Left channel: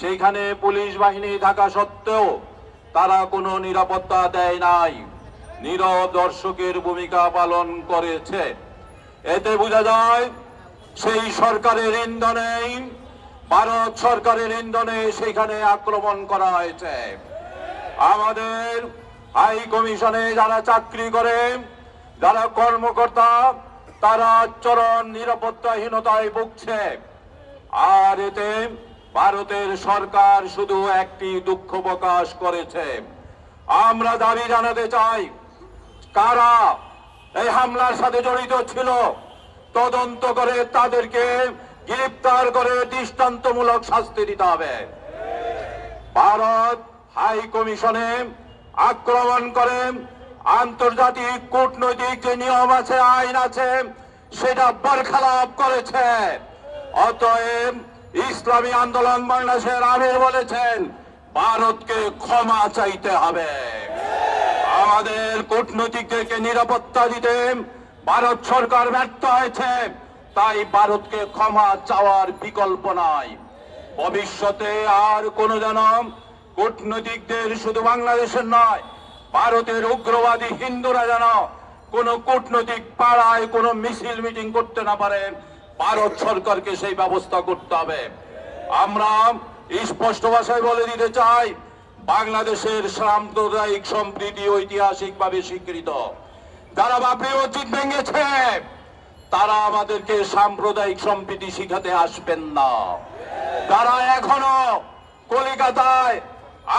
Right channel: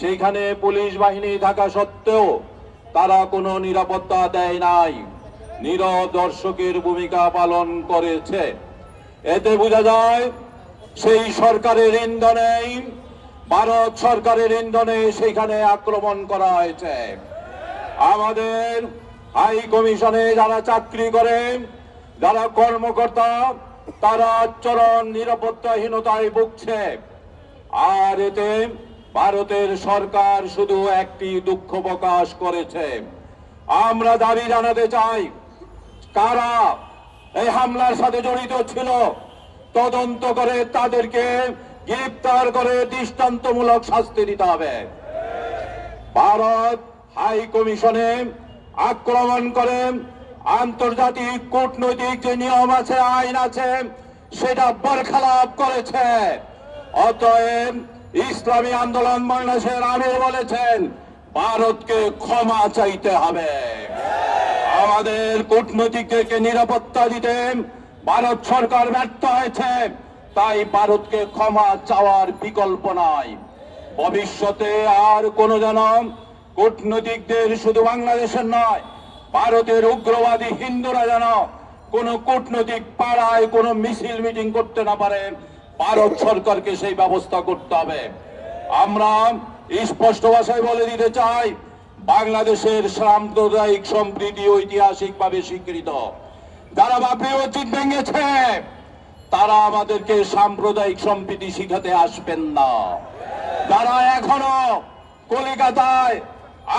সেইখানে পুলিশ বাহিনী থাকা সত্ত্বেও তারা কোনো নিরাপত্তা দেয় নাই। নীরব দর্শকের ভূমিকা পালন করেছে। এতে বোঝা যায়, সেই সরকারের ইন্ধনেই, ভারত সরকারের ইন্ধনে সেইখানে আক্রমণ করা হয়েছে। আমাদের হাই কমিশনে যারা চাকরি করে, যারা কর্মকর্তা, তারা চরম নিরাপত্তাহীনতায় ভুগছে। আর এতে ভারতের সরকার শুধু একটি দুঃখ প্রকাশ করেছে। আমরা দাবি জানাতে চাই, কারা এই হামলার সাথে জড়িত ছিল, তদন্ত করে তাদেরকে গ্রেপ্তার করে দৃষ্টান্তমূলক শাস্তি দিতে হবে। ভারত হাই কমিশনে আক্রমণ করে আন্তর্জাতিক কূটনৈতিক যে নিয়ম আছে, আইন আছে, সেটা বরখালাপ করেছে। অতএব ইসলামী আন্দোলন বাংলাদেশের আমির বলেছেন, ভারতকে ক্ষমা চাইতে হবে। আমাদের কূটনৈতিকদেরকে নিরাপত্তা দিতে ভারত সরকার ব্যর্থ হয়েছে, তাই ভারতকে ক্ষমা চাওয়ার বিকল্প নাই। ভবিষ্যতে আর কোন যেন কূটনৈতিকদের শুধু বাংলাদেশের নয়, ভারতের উগ্রবাদী হিন্দুরা যেন কোন কূটনৈতিক পাড়ায় কোন মিছিল মিটিং করতে না পারে ভারত সরকারকে সেই ব্যবস্থা করতে হবে। আমরা স্পষ্ট ভাষায় বলে দিতে চাই, বাংলাদেশের সাম্প্রদায়িক সম্প্রীতি ঐতিহাসিকভাবে স্বীকৃত। যারা বাবরি মসজিদ ভেঙেছে, তারা আমাদেরকে সাম্প্রদায়িক সম্প্রীতি শিখাতে আসবেন না। যারা এখনও কলিকাতায়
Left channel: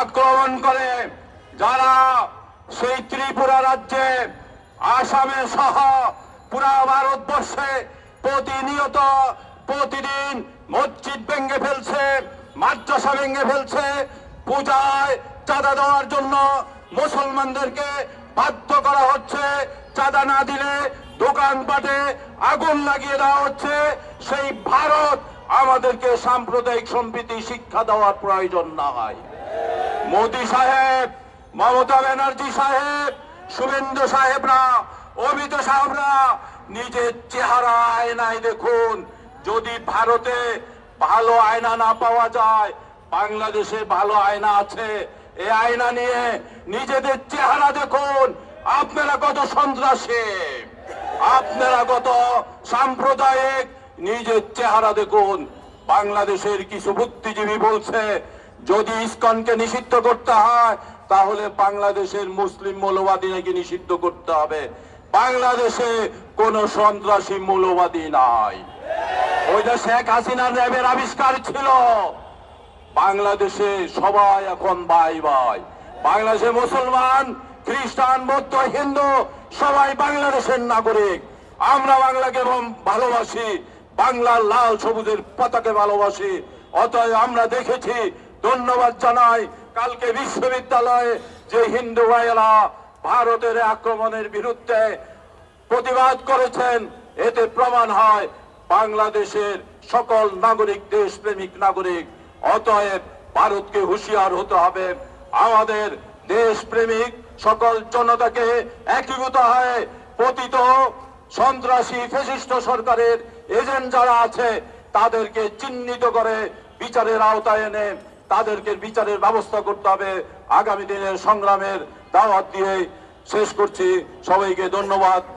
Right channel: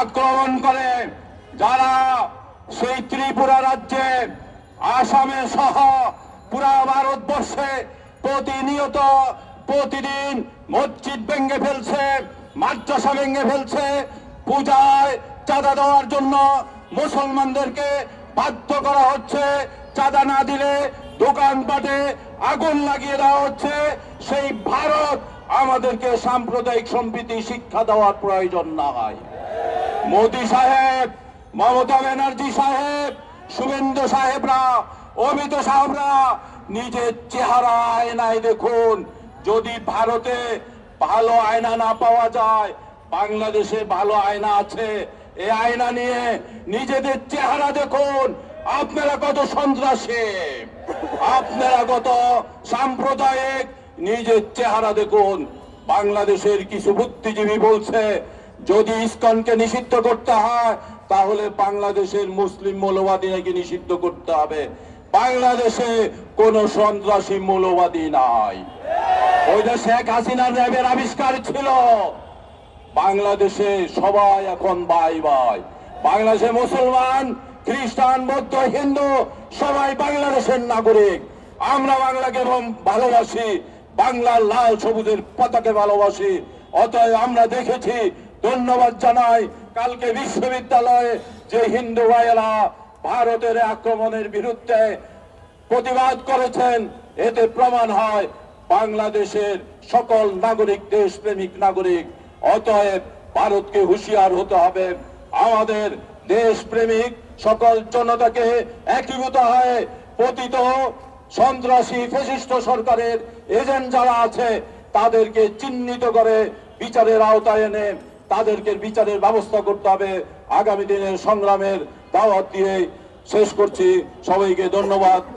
আক্রমণ করে, যারা সেই ত্রিপুরা রাজ্যে, আসামে সহ পুরা ভারতবর্ষে প্রতিনিয়ত প্রতিদিন মসজিদ ভেঙে ফেলছে, মাদ্রাসা ভেঙে ফেলছে। পূজায় চাঁদা দেওয়ার জন্য মুসলমানদেরকে বাধ্য করা হচ্ছে। চাঁদা না দিলে দোকানপাটে আগুন লাগিয়ে দেওয়া হচ্ছে। সেই ভারত আমাদেরকে সাম্প্রদায়িক সম্প্রীতি, শিক্ষা দেওয়ার প্রয়োজন নাই। মোদী সাহেব, মমতা ব্যানার্জি সাহেব, শুভেন্দু সাহেবরা, অমিত সাহেবরা নিজের চেহারা আয়নায় দেখুন। যদি ভারতে ভালো আয়না না পাওয়া যায়, বাংলাদেশে ভালো আয়না আছে। এই আয়না নিয়ে নিজেদের চেহারা দেখুন। আপনারা কত সন্ত্রাসী? আপনারা কত সাম্প্রদায়িক? নিজের চেহারা দেখুন। বাংলাদেশের কিছু বুদ্ধিজীবী বলছে, যদি ইস্কনকে নিষিদ্ধ করতে হয়, তাহলে বাংলাদেশের মুসলিম মৌলবাদী নাকি নিষিদ্ধ করতে হবে। বাংলাদেশে কোন সন্ত্রাসী মৌলবাদী নাই। ওই যে শেখ হাসিনার র্যাবের আবিষ্কার ছিল। বাংলাদেশে সবাই এখন ভাই ভাই। বাংলাদেশে মুসলমান, খ্রিস্টান, বৌদ্ধ, হিন্দু, সবাই বাংলাদেশের নাগরিক। আমরা বাংলাকে ভালোবাসি, বাংলার লাল সবুজের পতাকে ভালোবাসি। অতএব আমরা দেখেছি, ধন্যবাদ জানাই কালকে বিশ্ববিদ্যালয়ে যে হিন্দু ভাইয়েরা ভারতের আক্রমণের বিরুদ্ধে প্রতিবাদ করেছেন। এতে প্রমাণ হয় বাংলাদেশের সকল নাগরিক, দেশপ্রেমিক নাগরিক। অতএব ভারতকে হুঁশিয়ার হতে হবে। আমাদের দেশপ্রেমিক সকল জনতাকে একীভূত হয়ে পতিত সন্ত্রাসী, ফেসিস্ট সরকারের এজেন্ট যারা আছে, তাদেরকে চিহ্নিত করে বিচারের আওতায় এনে তাদেরকে বিচারের ব্যবস্থা করতে হবে। আগামী দিনের সংগ্রামের দাওয়াত দিয়ে শেষ করছি। সবাইকে ধন্যবাদ।